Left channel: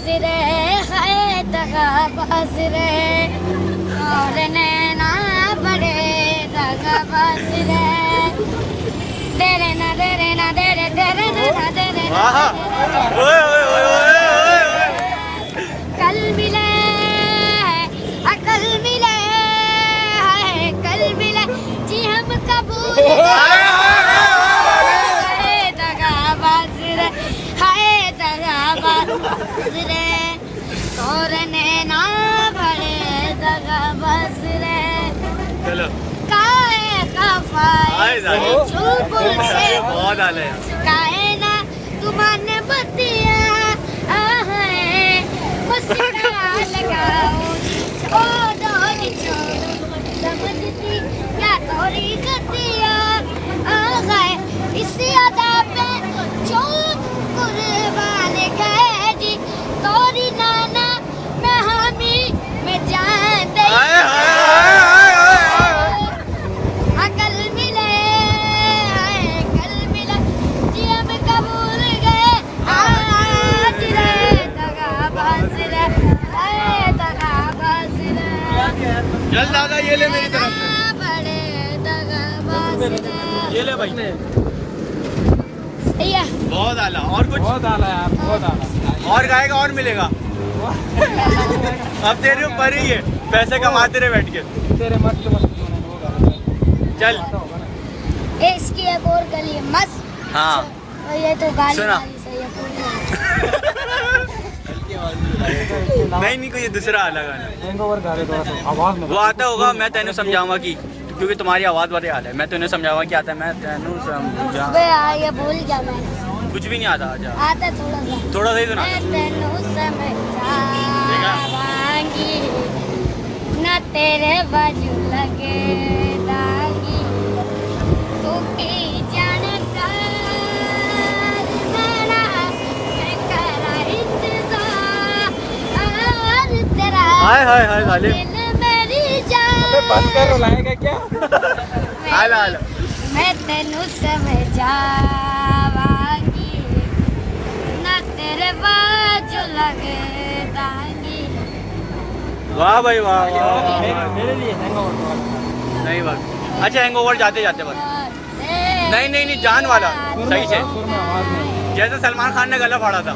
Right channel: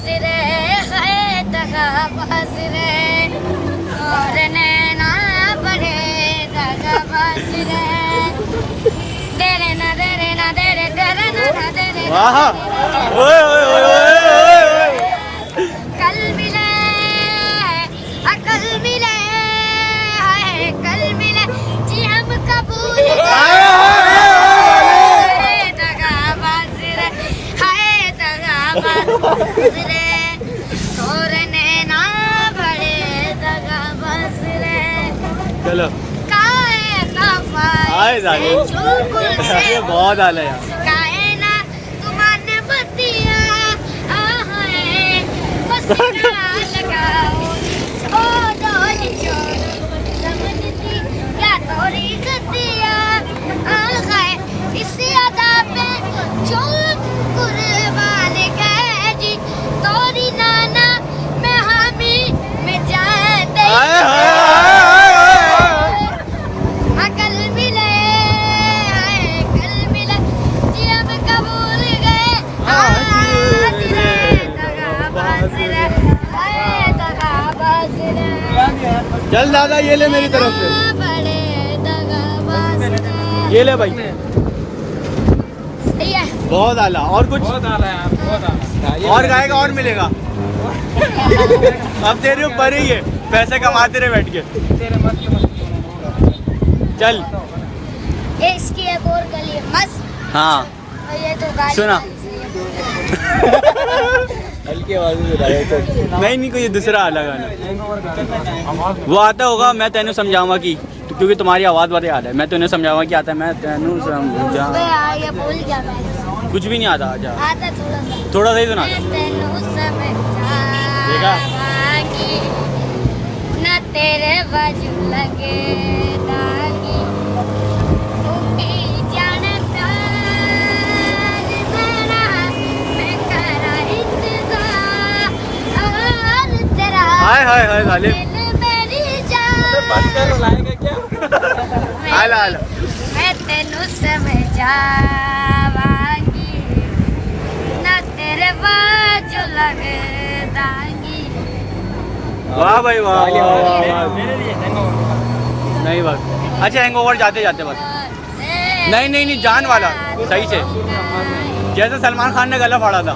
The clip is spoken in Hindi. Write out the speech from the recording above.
बाज रे है दगाबाज रे और नैना बड़े दगाबाज रे तेरे ना तेरे ना तेरे तेरे ना तेरे वाह ओए ओए ओए ओए कल मिले अकल मिले कल मिले जी हम कबूल दगाबाज रे हाय दगाबाज रे और नैना बड़े दगाबाज रे चलो काए आए जाने चुलबुल से बहुत आला यार काए ना तुमने बतिया आहे मस्का लगाओ ओ डोली छोड़ समझती क्या थोड़ी गतिया आहे इसी अदा पे चोर कुर्बान गए जी तोरी नाना मैं हामी मैं जान दे आए हाय कल मिले कल मिले जी हम कबूल गए आज रे दगाबाज रे दगाबाज रे चल दादा ये ले मेरी तरफ से बड़े दगाबाज ये ले भाई सही है बहुत आला और कुछ बहुत आला यार, बहुत आला। और गाएगा और मिलेगा अब तेरे ऊपर ही है पैसे कमाते रहे बैठ के तेरे मस्त मस्त चल इसकी एक और गली है मस्त हाँ और ये तो गाली सुना। हल्की आवाज नहीं नहीं कोई दूसरा अलग गाना हैंगओवर गा रहे थोड़ा सा आवाज में वो आता होगा मैं तेनू समझाऊंगा कि क्योंकि तुम्हारी आवाज बहुत याद है मैं तेनू समझाऊंगा कि आता है मैं तेनू समझा अबे यार ये भूल गया मैं कुछ भी नहीं आता आजा आता थोड़ा सा थोड़ा सही सुना मैं तेनू समझावांगी न तेरे बाजू लगे दागी तू भी जानता मेरा मैं करा इंतजार तेरा हाय हाय हाय जालिम दिल मेरी जान बंद कर लाएगा क्या आला आला मैं तेनू समझावांगी न तेरे बाजू लगे दागी वाह भाई वाह वाह, वाह, वाह। हैंगओवर नहीं बस अच्छा हैंगओवर जाते जाते बस नहीं नहीं नहीं जान वाला सही से जैसे सलमान खान ने गला फाड़ा था